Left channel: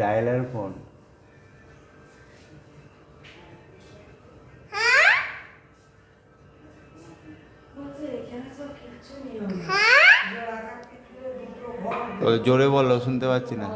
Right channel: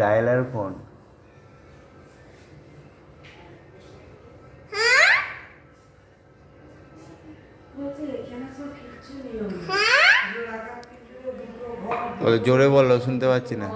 Dialler phone. বলে জোরে বলো, শুনতে পাচ্ছি না।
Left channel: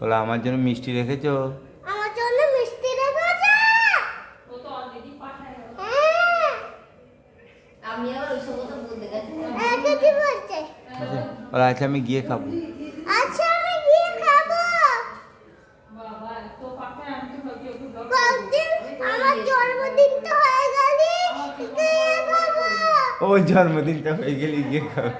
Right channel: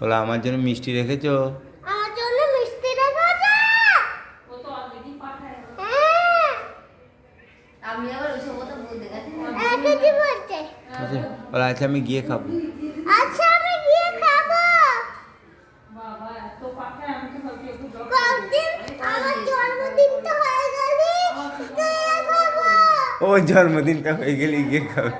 বলে আমার জন্য মিষ্টি রেখেছো? আমার জন্য মিষ্টি রেখেছো? ও তো অলরেডি পাঠায়। আমি আবার ওইসব কথা বলতে গেছি। কি বলছে? বলে আচ্ছা আমি গিয়ে খাবো। আচ্ছা আমি গিয়ে খাবো। বাবা এত পাঠায়, আমি তো ভাবি একটু কতদিন আমার জন্মদিনটা হয়ে গেলি গিয়ে খাবো। ও জন্মদিনটা হয়ে গেলি গিয়ে খাবো।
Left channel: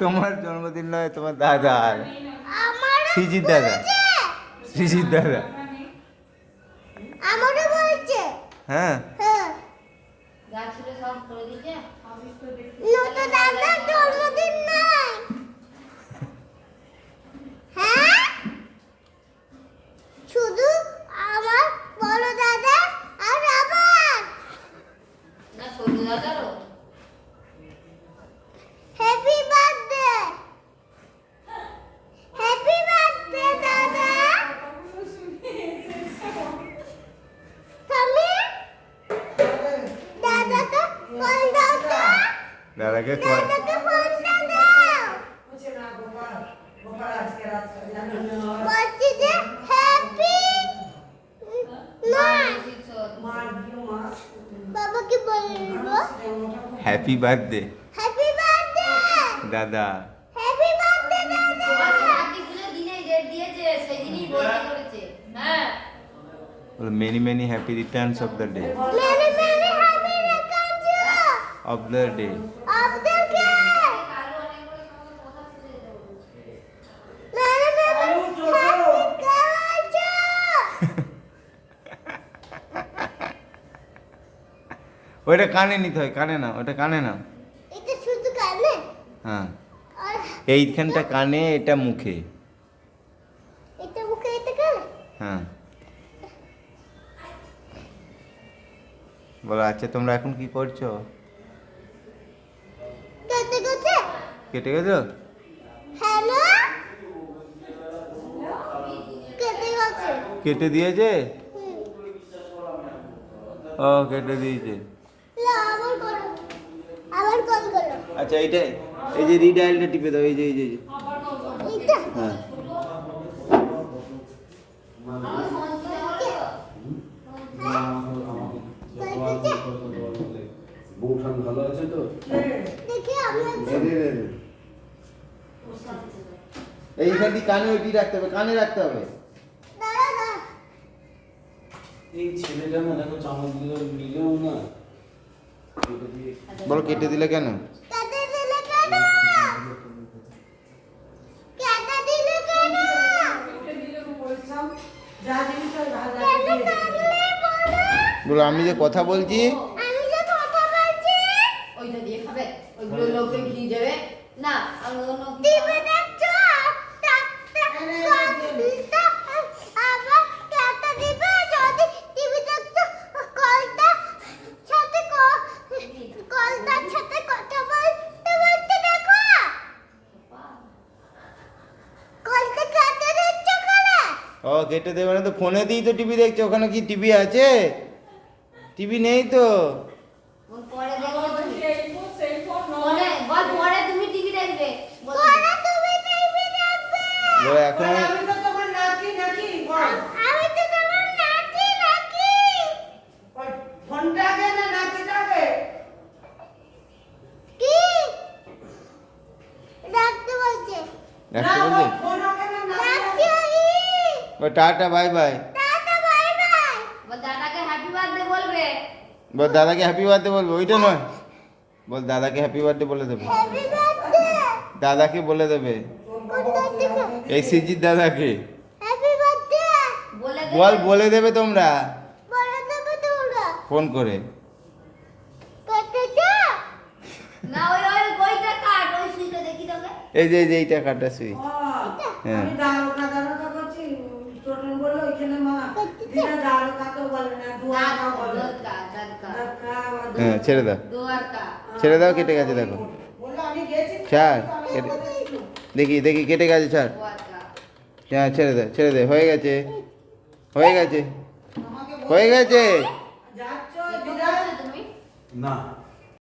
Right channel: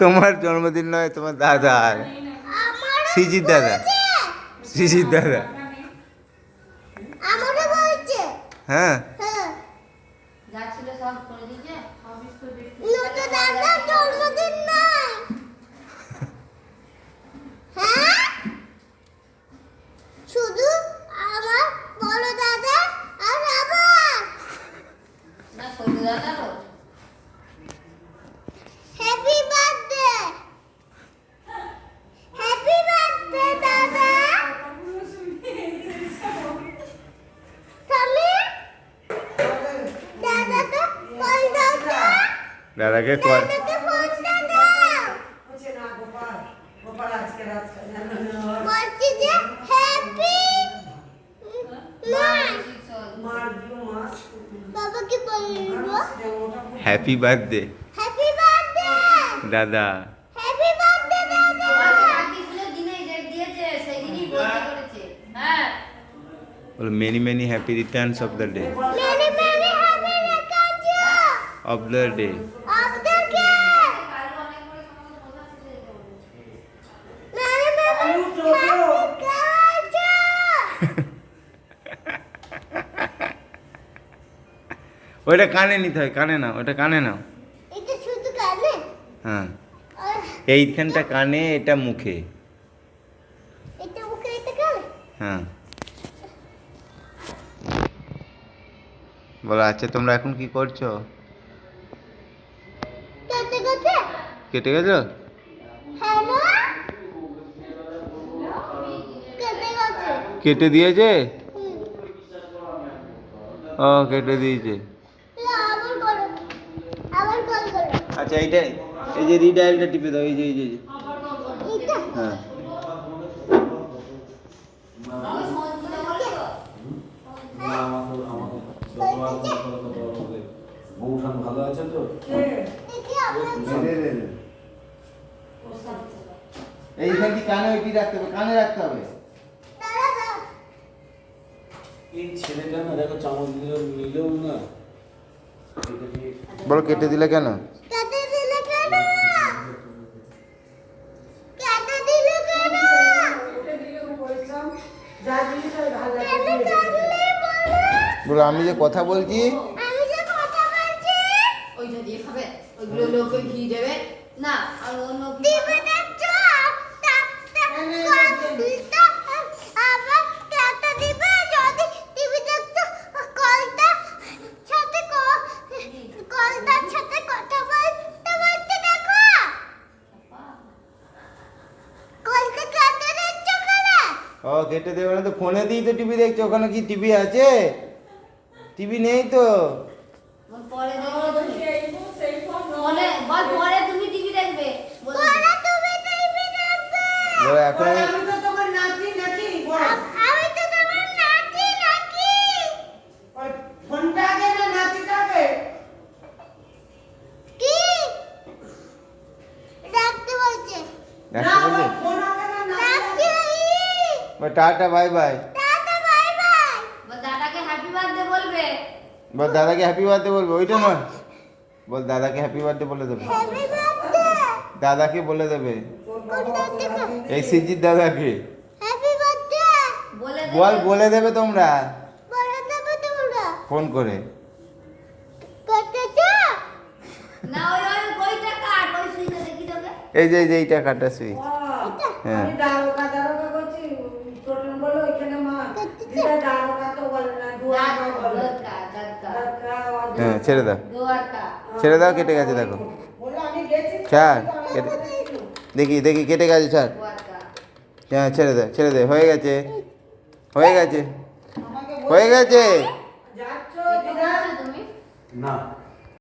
তোমার জন্মদিন নয়, তোমার দাদার, সৃজিত দাদা, সৃজিত দাদা। আমারও বলছে। হ্যাঁ দাদার জন্মদিন নয়। হ্যাঁ শুধু আমার বড় দাদা আর আমার না ছোট দাদারও। হ্যাপি বার্থডে, হ্যাপি বার্থডে দাদা। তুমি দাদাকে ফোন দাও তো। দাদাকে কল। দাদাকে ফোন দাও। বলছি যে হ্যাপি বাবাকে বলবো হ্যাপি বার্থডে হ্যাপি বার্থডে দাদা। হ্যাপি বার্থডে দাদা। বলো many many happy Returns of the day, many many happy Returns of the day. Of the day. Many many ওইটা কানে নিতে হয়, কানে নাও, ওটা কানে নাও। এটা শুধু কানে? হ্যাঁ আর এইখানটা কানে, এটা মুখে। এটা মুখে, এটা কানে? হ্যাঁ বলো আচ্ছা তোমরা এখন কি করছো? কেটে গেছে? কেটে গেছো? হ্যালো কেটে গেছে। কেটে দিয়েছে? হুম। ও কেটে দিয়েছে। আবার করো, আবার কল করো। আচ্ছা এইটাই, এই যে রিডায়ালটা টিপে দাও, এই যে এই যে এইটা? হ্যাঁ বউঠান ভালো আছে তো? দেখি আমি এইখানটি কানে ওইটি রাখতে হবে, কানে রাখতে হবে। দাদা এই ছেলেটা না দেখো চামচ নিলেও না। বলো কেটে দিলে কেন? কেটে দিলে কেন? কেটে দিলে কেন? কেন কাটলে বলো? বলো আমি যে কথা বলছি। আমি যে কথা বলছি। ওইটা দিয়ে খাবে, ওইগুলো লোকে ঘি দেবে না। আর অন্য টিভি দেখছো? আবার কেটে দিবে যদি টিভি দেখছো। কলটার সাথে কথা বলতে বলতে দেখো। কলটা কেটে দিচ্ছ কেন? ও কেটে দেবে না তো, ফোনে দিই তো টিভি দেখছো। ওখানে কি টিভি আছে? টিভি নেই তো। পরে দেখো তুমি। মনে বল পরে তুমি টিভি দেখবে। পরে তুমি টিভি দেখবে। বলো এখন আমি তো তোমার নাতি নাকি বল। আমি তো তোমার নাতি নাকি। ফোনটাকে না নাতিটাকে? কি? রাখতে বলবে রাখছি। ও tata bye bye tata bye bye. বল দাদাকে হ্যাপি বার্থডে বলবে। বল দাদাকে হ্যাপি বার্থডে বলবে, ওইটা নয়, বল দাদাকে হ্যাপি বার্থডে বলে দেবে, হ্যাপি বার্থডে। দাদাকে বলে দেবে, কোনটা থেকে? এই সিজির দাদাকে হ্যাপি বার্থডে। বলে দে। বল, বলে দেবে তোমরা বলে দেবে তোমরা। ফোন করে। করতে চাও? না ওই ওই ওইটা কাট, ওই সুইটা দেখি তোকে। এই যে এই কাটা সুই। হ্যাঁ আমি দারোগা দারোগা করছি, টোটন বললো ওইখানে মা দিদা দারোগা তো বলে না, দুয়ারকা বলে। দরকার দরকার দারোগা আবার হ্যাঁ ছেড়ে দাও, দোয়ারকা। ছেড়ে দাও, কেটে গেছে দেখো, বললো আমি গেছি ছাড়, আমি কেটে- কথা ছিল। দেখি দেখি কেটে গেছে, ছাড়, দোয়ারকা। হ্যাঁ ছেড়ে দে, ছেড়ে দে, হয়ে গেছে, হয়ে গেছে, আমাকে হয়ে গেছে। যাচ্ছ কোথায় দিদা আছো তুমি? না